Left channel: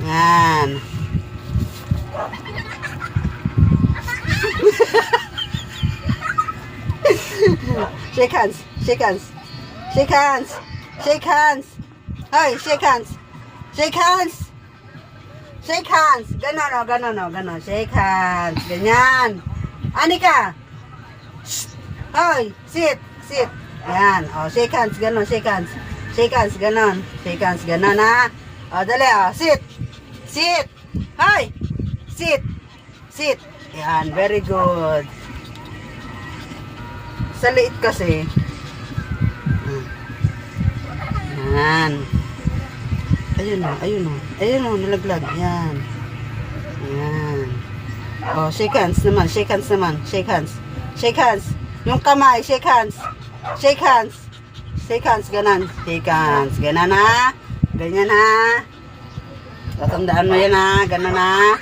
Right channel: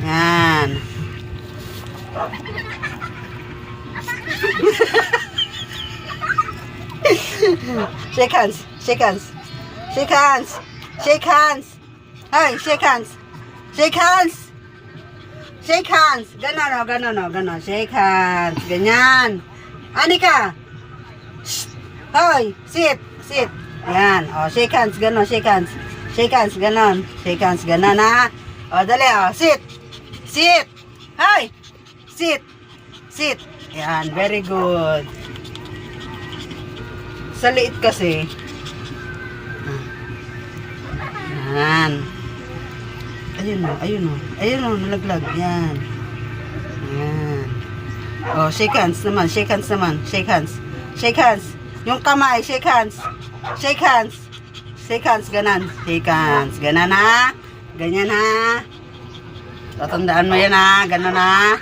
Yan. shake hands. Shake hands. Shake hands. Shake hands. Hey, shake hands. Shake hands. Shake hands. Ganon o, ganon o, ganon. Shake hands. Ganyan. Anika. Shh. Hoy, sit. Sit. Yan. O, shake hands. Ganon, shake hands. Shake hands. Ganon. Shake hands. Ganon ha. O, dali o. Sit. Sit. Hoy. Sit. Sit. Yan. Very good. Sa liit kasi. Yan. Ayun o, ayun o. Ayun o, nalaglag. Yan. Yan. O, shake hands naman. Shake hands naman. Shake hands. Shake hands. Yung kamay, shake hands. Shake hands. Shake hands, ganan. Shake hands. Ganan ha. Ganyan ha. Tatandaan mo yan ha. Ganon ha.